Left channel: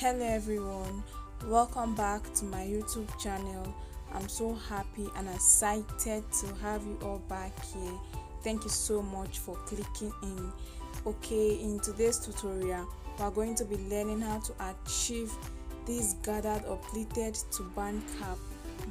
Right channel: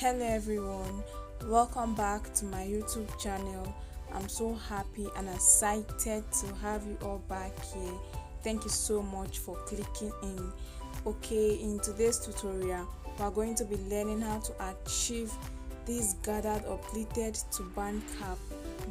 Hello everyone, welcome back to my YouTube channel. I'm so happy and excited to have you all back here. Thank you so much for clicking in. Okay, in today's tutorial we are going to be learning how to achieve this gathered or pleated turban cap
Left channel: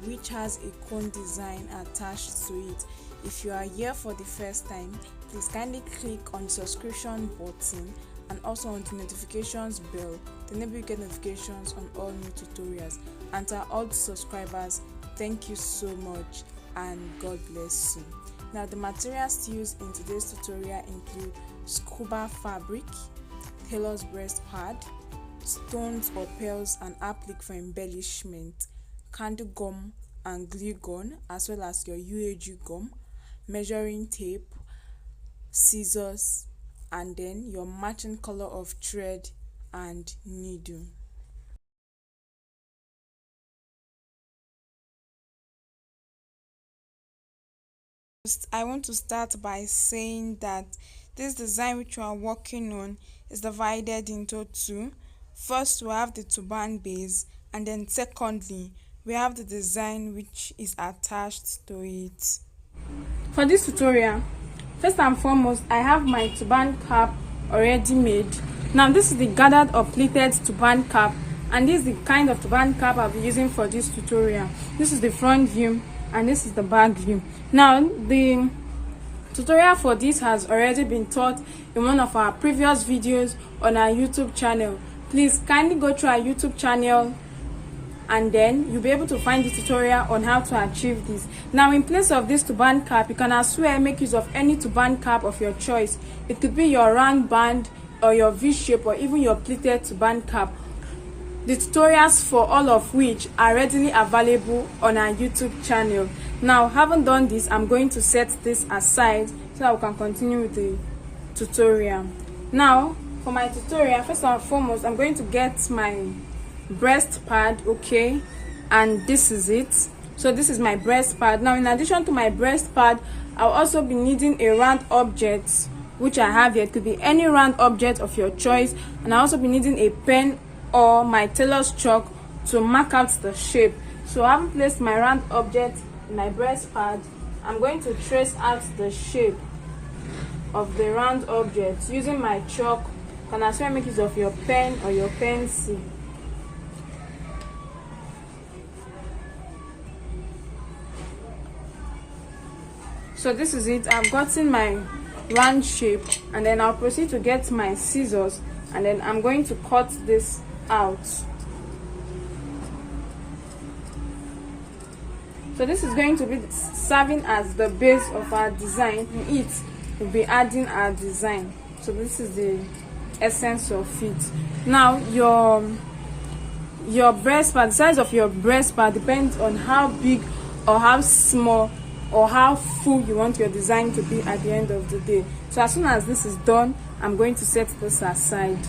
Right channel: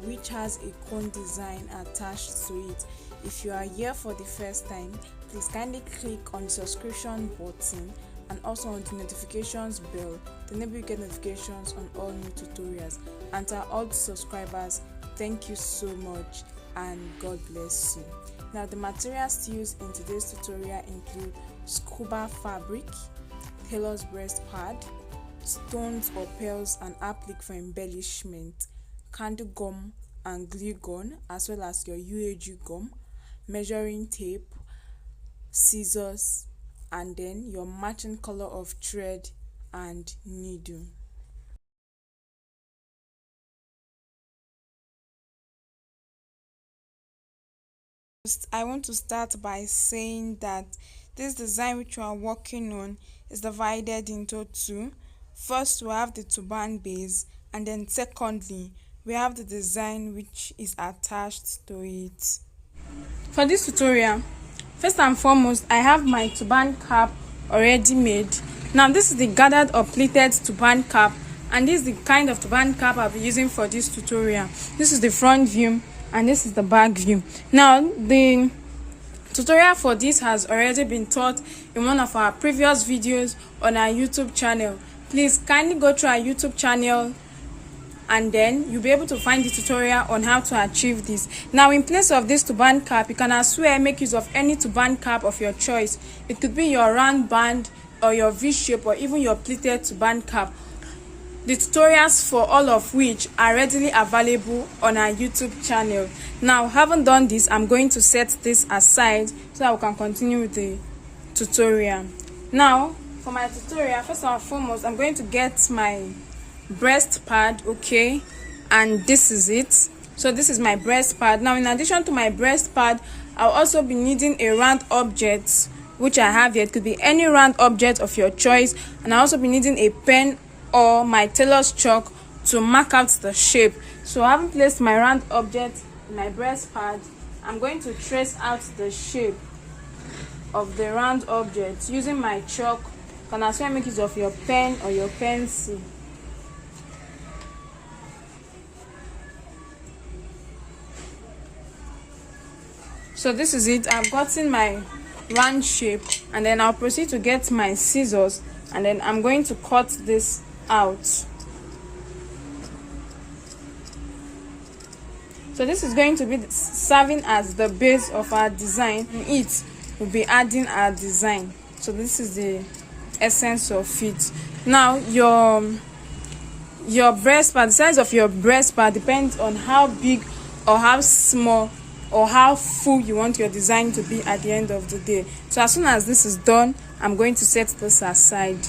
which has a cone design attached to it. If you are here for the first time, please kindly click on the subscription button and also on the notifications bell to enable you get notifications on all new tutorials. And to all the subscribers, thank you so much and God bless you. Now the materials used in today's tutorial include Scuba fabric, tailor's breast pad, stones or pearls and applique for embellishment, candle gum and glue gun, as well as your UAG gum, measuring tape, scissors, and then your matching color of thread and needle. I want to start by saying that this design which we are working on is divided into two. First, we have the turban base, and then secondly we have the design which is attached to it. For this tutorial, first and foremost, I have my turban cap already made. Now this is the gathered or pleated turban cap, and this is the kind of turban cap I'll be using for this tutorial. This is the front view and this is the back view. Now the tutorial for this has already been taught in one of our previous videos on our YouTube channel. Please kindly go to our YouTube channel and then you'll be able to find the tutorial on how to achieve this. Now in place of this turban cap, you can as well make use of any turban cap of your choice. It could be your round band or your V-shape or even your pleated turban cap. The tutorials for all of which are readily available on our YouTube channel. Now having done this, I'm going to set this aside so that we can continue with the tutorial. Now for my tutorial, first and foremost, I'm going to get my breast pad, okay, and this is it. So this is my breast pad. Now in addition to my breast pad, I'll also be needing a round object which I have here. It could be any round object of your choice, and I'll also be needing a pen or my tailor's chalk to mark out the shape. So having placed my round object in my breast pad, I'm going to trace out the shape of the round object using my chalk. You can as well make use of your pen or your pencil. So this is it. I've gotten my round shape, and then I'll proceed to get my scissors, and then I'm going to cut this out. So this is going to be serving as the base of our design, and it will be adding our design. So this is the essence of it. Now your breast pad, the size of your breast pad depends on how big or how small or how full you want your design to be at the end of the day. So as soon as this is done, I'm going to set this aside.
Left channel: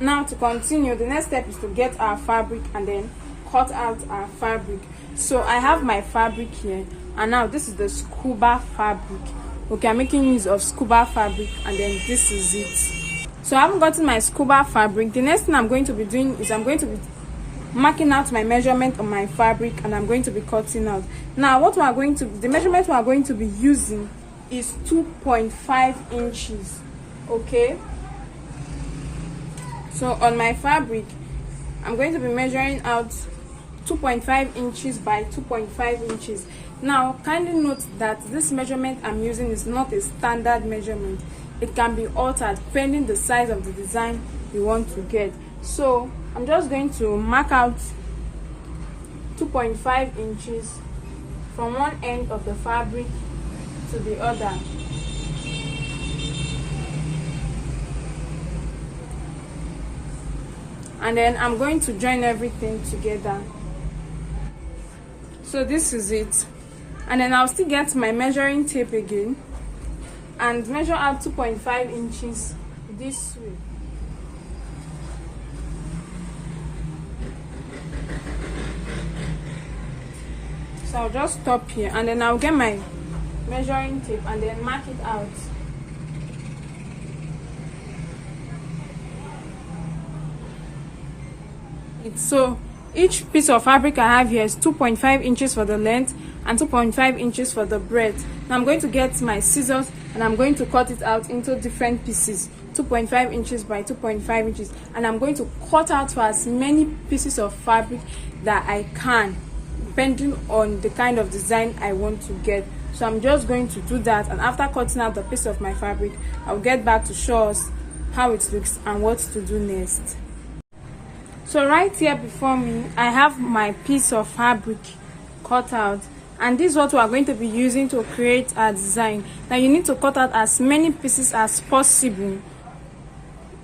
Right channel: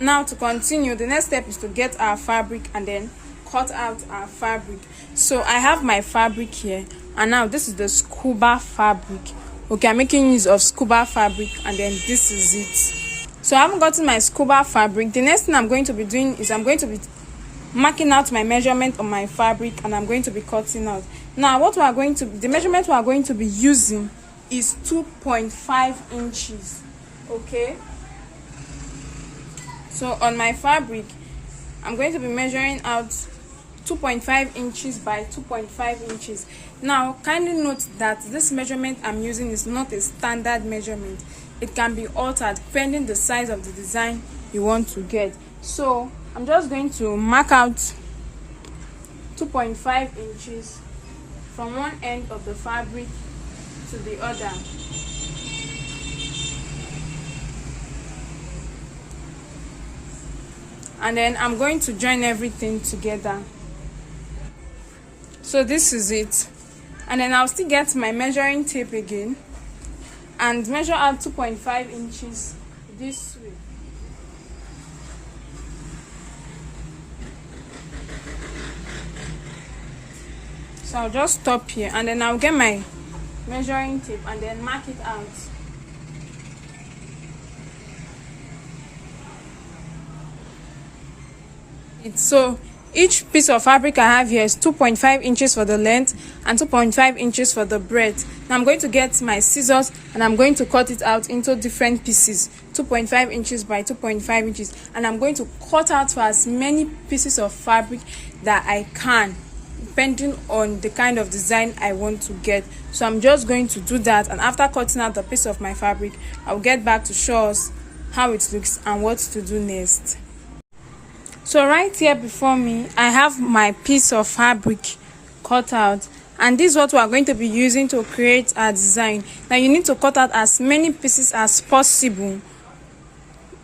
Now to continue, the next step is to get our fabric and then cut out our fabric. So I have my fabric here, and now this is the Scuba fabric. Okay, I'm making use of Scuba fabric, and then this is it. So I haven't gotten my Scuba fabric. The next thing I'm going to be doing is I'm going to be marking out my measurement on my fabric, and I'm going to be cutting out. Now the measurement we are going to be using is 2.5 inches. Okay, so on my fabric I'm going to be measuring out 2.5 inches by 2.5 inches. Now kindly note that this measurement I'm using is not a standard measurement. It can be altered depending the size of the design you want to get. So I'm just going to mark out 2.5 inches from one end of the fabric to the other. And then I'm going to join everything together. So this is it. And then I'll still get my measuring tape again and measure out 2.5 inches this way. So I'll just stop here, and then I'll get my measuring tape and then mark it out. So each piece of fabric I have here is 2.5 inches for the length and 2.5 inches for the breadth. Now I'm going to get my scissors and I'm going to cut it out into different pieces, 2.5 inches by 2.5 inches, and I'm going to cut out for as many pieces of fabric that I can, depending on the kind of design I want to get. So I'm just going to do that, and after cutting out the piece of my fabric, I'll get back to show us how it looks and what to do next. So right here before me, I have my piece of fabric cut out, and this is what we are going to be using to create our design. Now you need to cut out as many pieces as possible,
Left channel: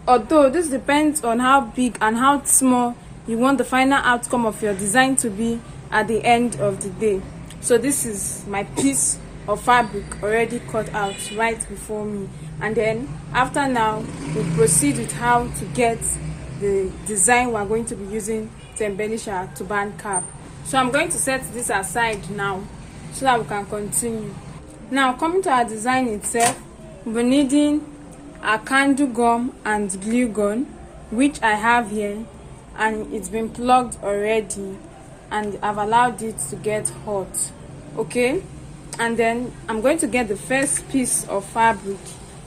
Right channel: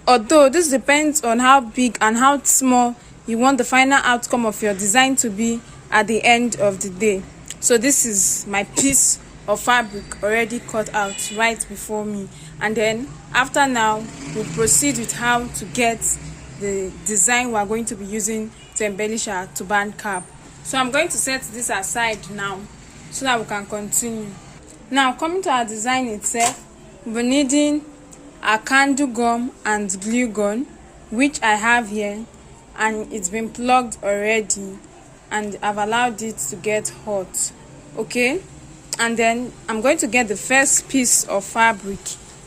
although this depends on how big and how small you want the final outcome of your design to be at the end of the day. So this is my piece of fabric already cut out right before me, and then after now we'll proceed with how to get the design we are going to be using to embellish our turban cap. So I'm going to set this aside now so that we can continue. Now coming to our design itself, we're needing a candle gum and glue gun, which I have here, and it's been plugged already and I've allowed it to get hot. Okay, and then I'm going to get the first piece of fabric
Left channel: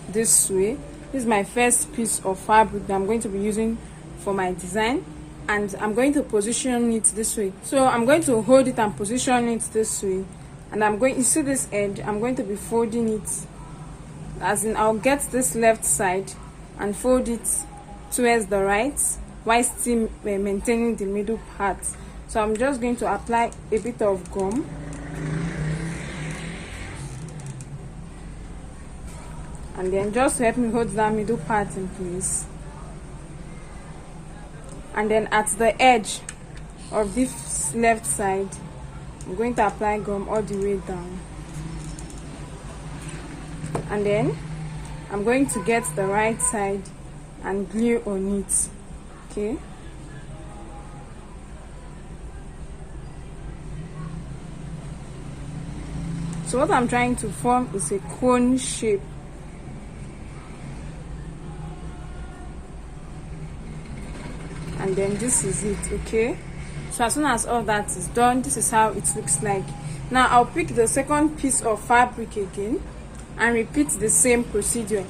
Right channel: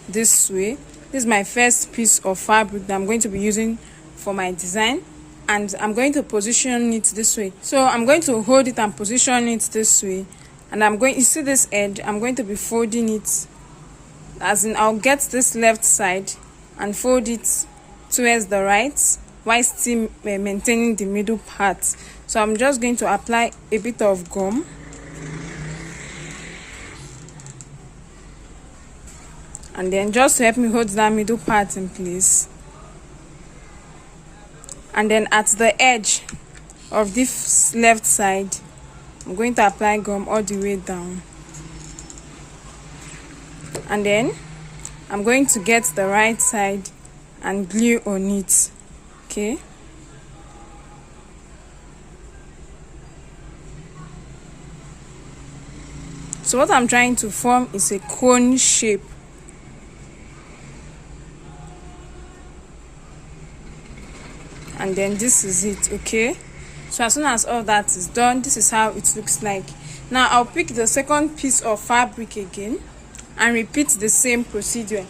this way. This is my first piece of fabric that I'm going to be using for my design, and I'm going to position it this way. So I'm going to hold it and position it this way, and I'm going, you see this edge, I'm going to be folding it, as in I'll get this left side and fold it towards the right while still maintaining the middle part. So I'm just going to apply a bit of gum, and then just to help me hold that middle part in place. And then at the edge of this left side, I'm going to apply gum all the way down, and then I'm going to get the right side and glue on it. Okay, so what I'm trying to form is a cone shape. And then this is it. Okay, so as soon as all that is done, this is how it looks like. Now I'll pick the second piece of fabric again and repeat the same procedure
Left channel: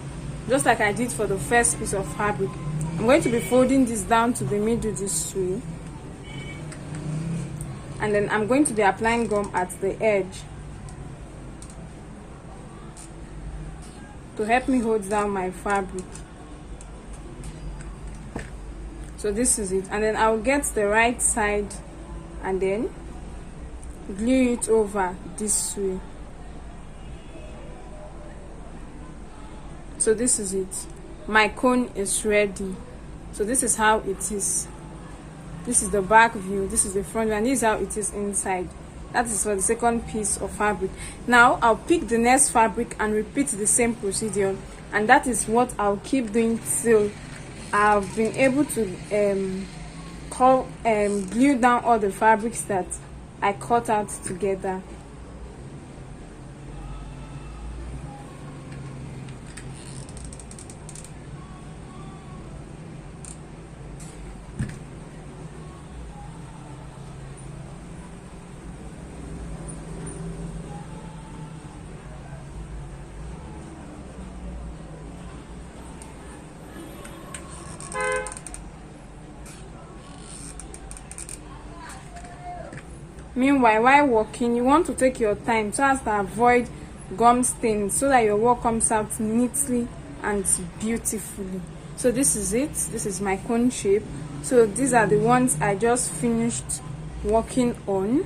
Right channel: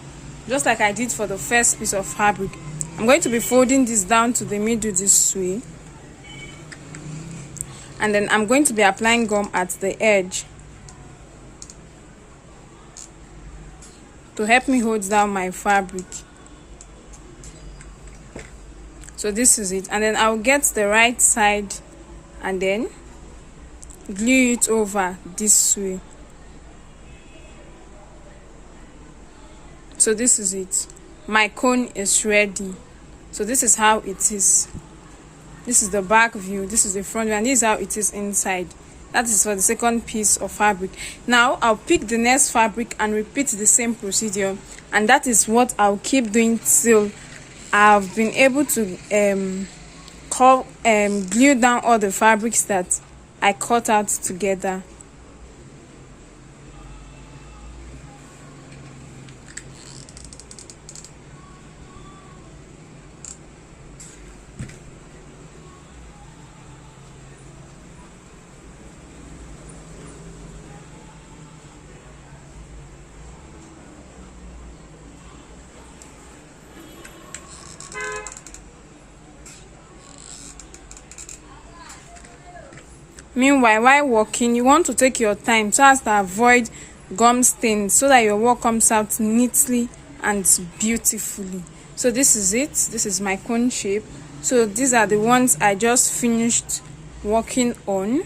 just like I did for the first piece of fabric. I'm going to be folding this down to the middle this way, and then I'm going to be applying gum at the edge to help me hold down my fabric. So this is it, and then I'll get the right side and then glue it over this way. So this is it. My cone is ready. So this is how it is. This is the back view, this is the front view, and this is how it is inside. That is for the second piece of fabric. Now I'll pick the next fabric and repeat the same procedure, and that is what I'll keep doing till I've been able to glue down all the fabrics that I cut out together. Meanwhile, while working, you want to take your time so as to avoid gum stains, so that your work comes out neatly and beautifully. So this is it. This is my cone shape. So these are the ones I just finished working on,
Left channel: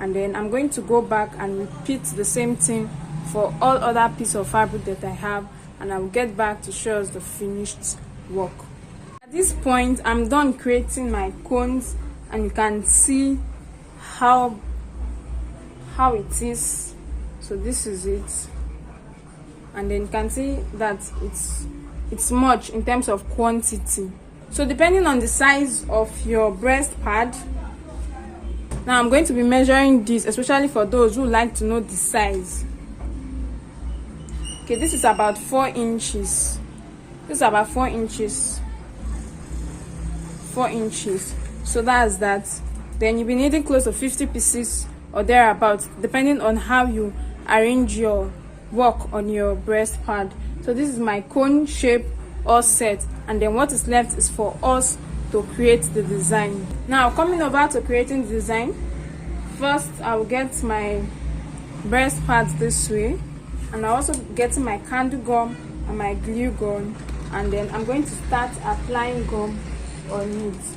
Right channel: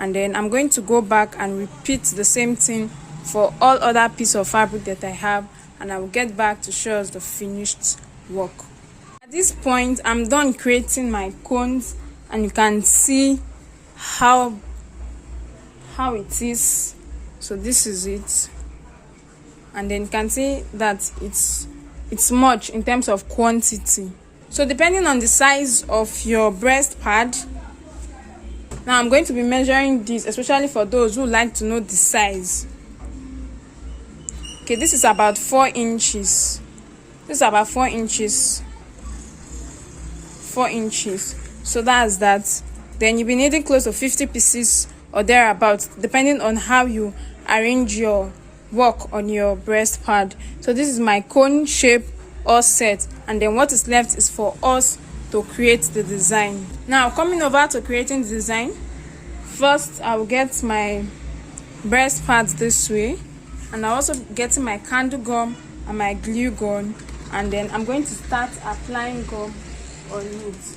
and then I'm going to go back and repeat the same thing for all other pieces of fabric that I have, and I will get back to show us the finished work. At this point, I'm done creating my cones, and you can see how it is. So this is it, and then you can see that it's much in terms of quantity. So depending on the size of your breast pad, now I'm going to be measuring this, especially for those who like to know the size. Okay, this is about 4 inches. This is about 4 inches. 4 inches. So that's that. Then you'll be needing close to 50 pieces or thereabouts, depending on how you arrange your work on your breast pad. So this is my cone shape all set, and then what is left is for us to create the design. Now coming over to creating the design, first I will get my breast pads this way, and I also getting my candle gum and my glue gun, and then I'm going to start applying gum on it.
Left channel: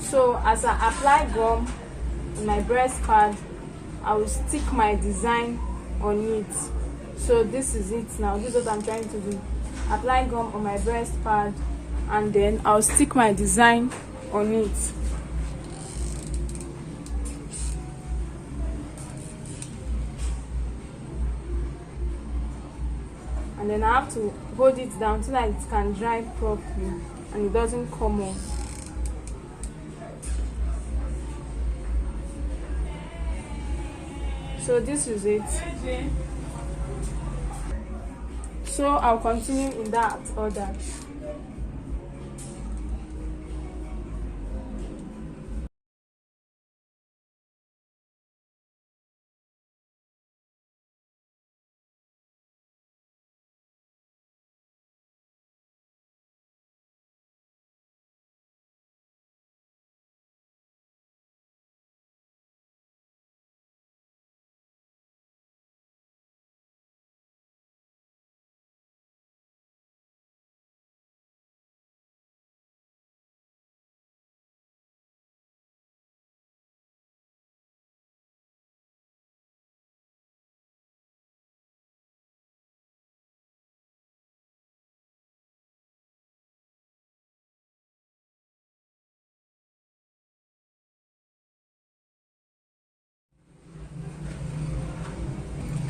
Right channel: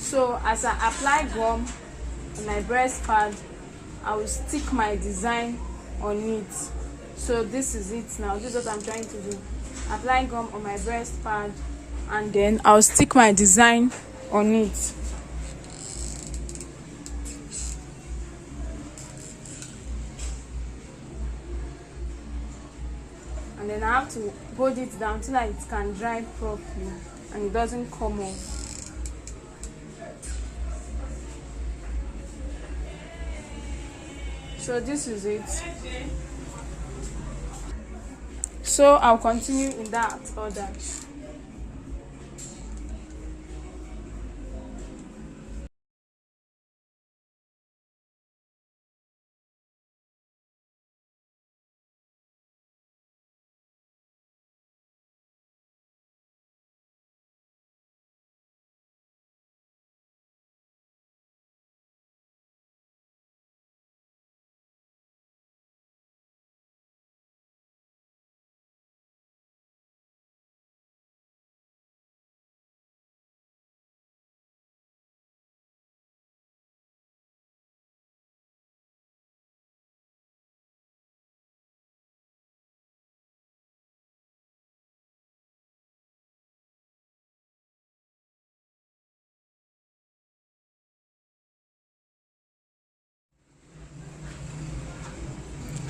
So as I apply gum on my breast pad, I will stick my design on it. So this is it now. This is what I'm trying to do. Apply gum on my breast pad, and then I'll stick my design on it. And then I have to hold it down so that it can dry properly and it doesn't come off. So this is it. So I'll continue in that order.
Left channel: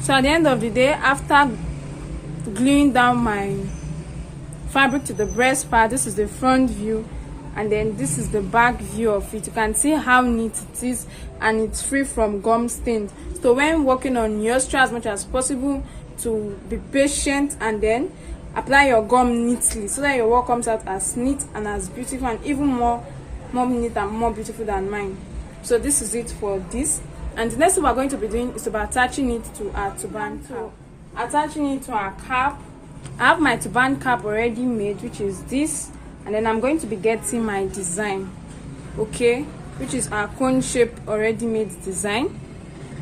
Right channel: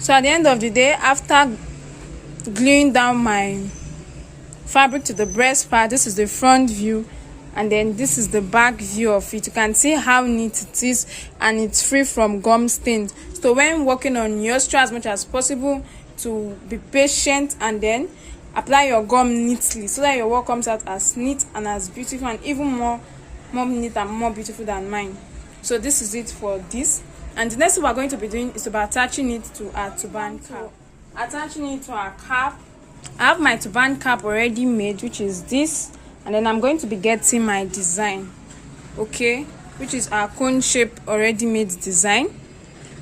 So at the end of the day, after gluing down my fabric to the breast part, this is the front view, and then this is the back view of it. You can see how neat it is, and it's free from gum stains. So when working on yours, try as much as possible to be patient and then apply your gum neatly so that your work comes out as neat and as beautiful, and even more neat and more beautiful than mine. So this is it for this. And the next thing we're going to be doing is about attaching it to our turban. So attaching it to our cap, I have my turban cap already made, which is this, and then I'm going to be getting my design, okay, which is our cone shape already made design.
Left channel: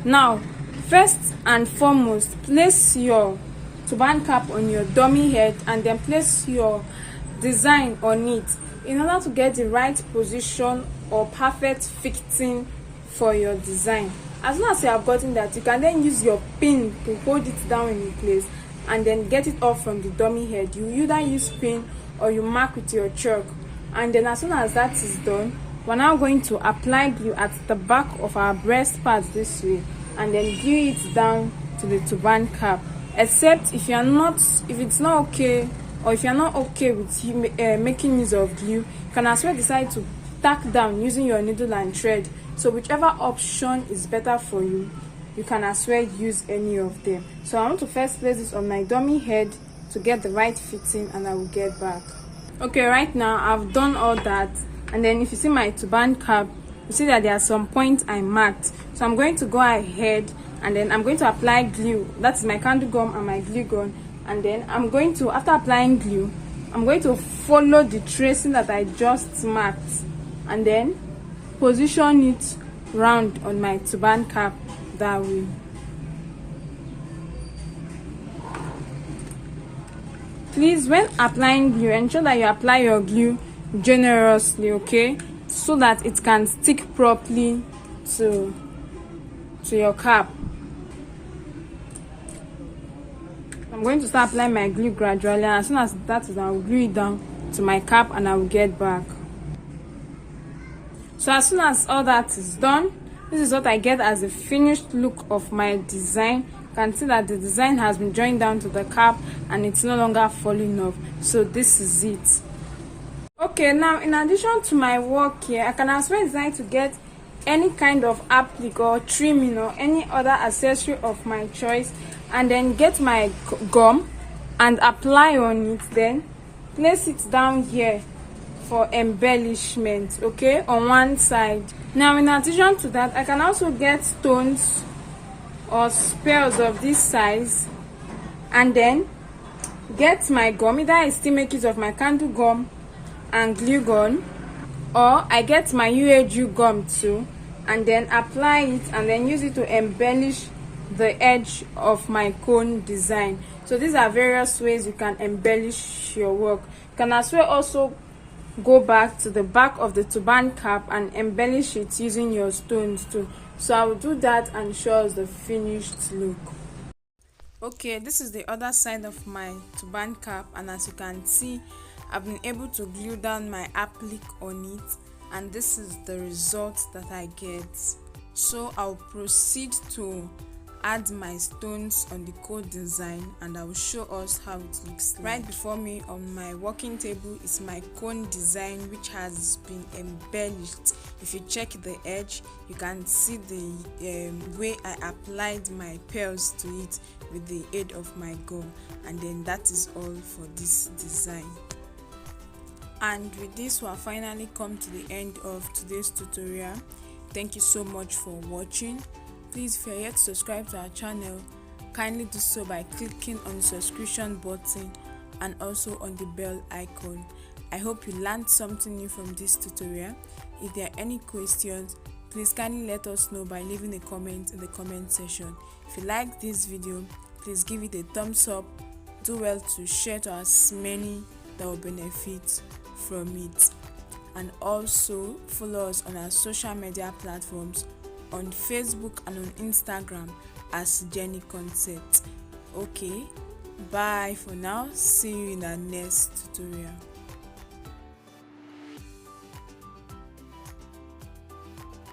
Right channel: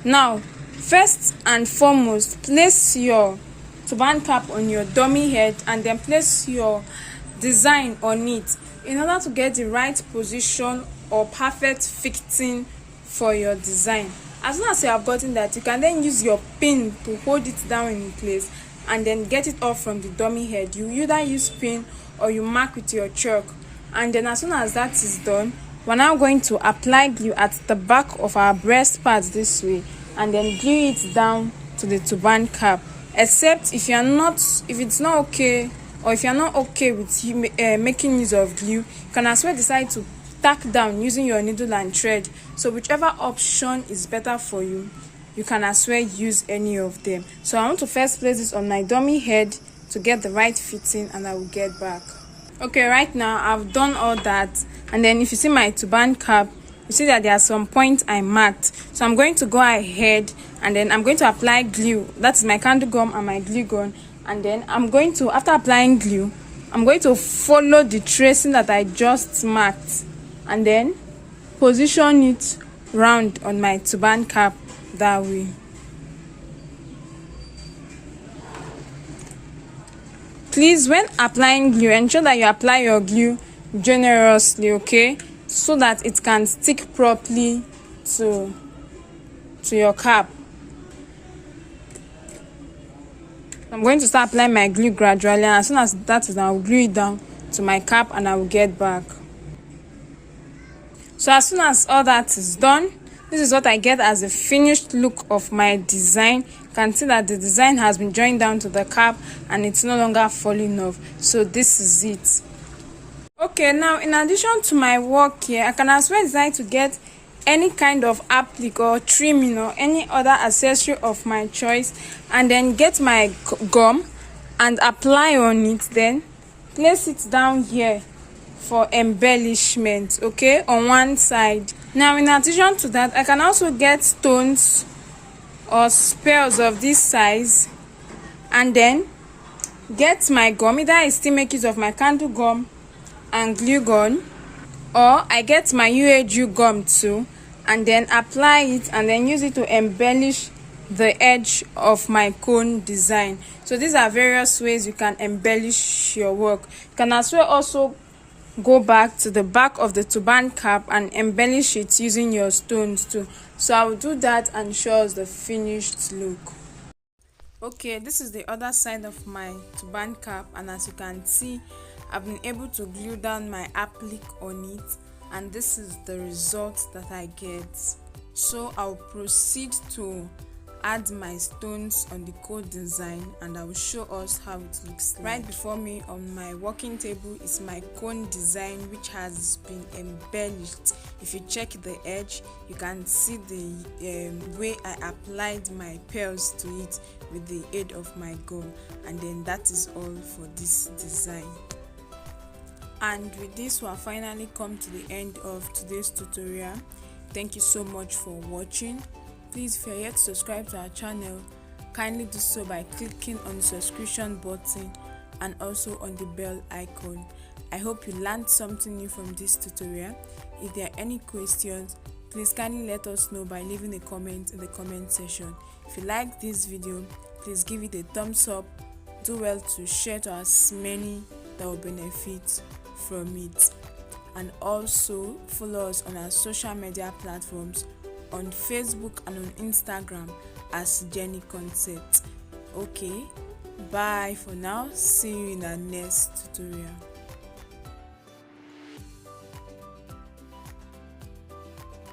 Now first and foremost, place your turban cap on your dummy head and then place your design on it in order to get the right position or perfect fitting for your design. As soon as you have gotten that, you can then use your pin to hold it down in place and then get it off from the dummy head. You either use pin or you mark with your chalk, and then as soon as that is done, we're now going to apply glue at the back of our breast pads this way, and then glue it down to the turban cap. Except if it's not okay, or if you're not okay with making use of glue, you can as well decide to tack down using your needle and thread. So whichever option is better for you, you can as well use any of them. So I want to first place this on my dummy head to get the right fitting, and I will get back. Okay, right now I've done all that, and then if you see my turban cap, you see that there are some points I marked. So I'm going to go ahead and then I'm going to apply glue. That's my candle gum and my glue gun, and then I'm going to, after applying glue, I'm going to follow the tracing that I just marked and then position it round on my turban cap that way. Please, when applying glue, ensure that you apply your glue generously, okay, so that it can stick properly to your cap. I'm going to start applying my glue gradually, and as soon as that is done, I'll glue it down to my cap and I will get back. So as soon as all that is done, this is what I get as a finished look of my design. You can see that the design has been joined down to the cap and it's no longer falling off. So this is it. Okay, now in addition to my work here, I can as well decide to get any kind of applique or trimming or any other accessory of my choice, and then get my gum and apply on it, then place it down here for embellishment, okay, on one side. Now in addition to that, I can also get stones or spells of this size and then get my gum. Either I still make use of my candle gum and glue gun, or I get my UAG gum too and then apply it and then use it to embellish the edge of my cone design. So these are various ways you can embellish your work. You can as well also go back to the back of the turban cap and embellish it using your stones too. So I will do that and show us the finished look. Okay, this is the other side of my turban cap, and as you can see, I've been able to glue down my applique on it, and this is the result that I get. So I'll proceed to add my stones on the cone design and I will show us how it looks like. Right before me on my working table is my cone design, which has been embellished. If you check the edge, you can see the way I applied my pearls to it with the aid of my gum, and then that is all for this design. And with this, we have finally come to the end of today's tutorial. Thank you so much for watching. Please, if you're yet to subscribe to our channel, kindly do so by clicking on the subscription button and also on the bell icon. I hope you learned something new from this tutorial. If there are any questions, please kindly let us know by leaving a comment in the comment section. If you like this video, please give it a thumbs up. Do well to share to as many that will benefit from it. And also follow us on our social media platforms on Facebook and on Instagram as Jenie Concept. Okay, bye for now. See you in our next tutorial.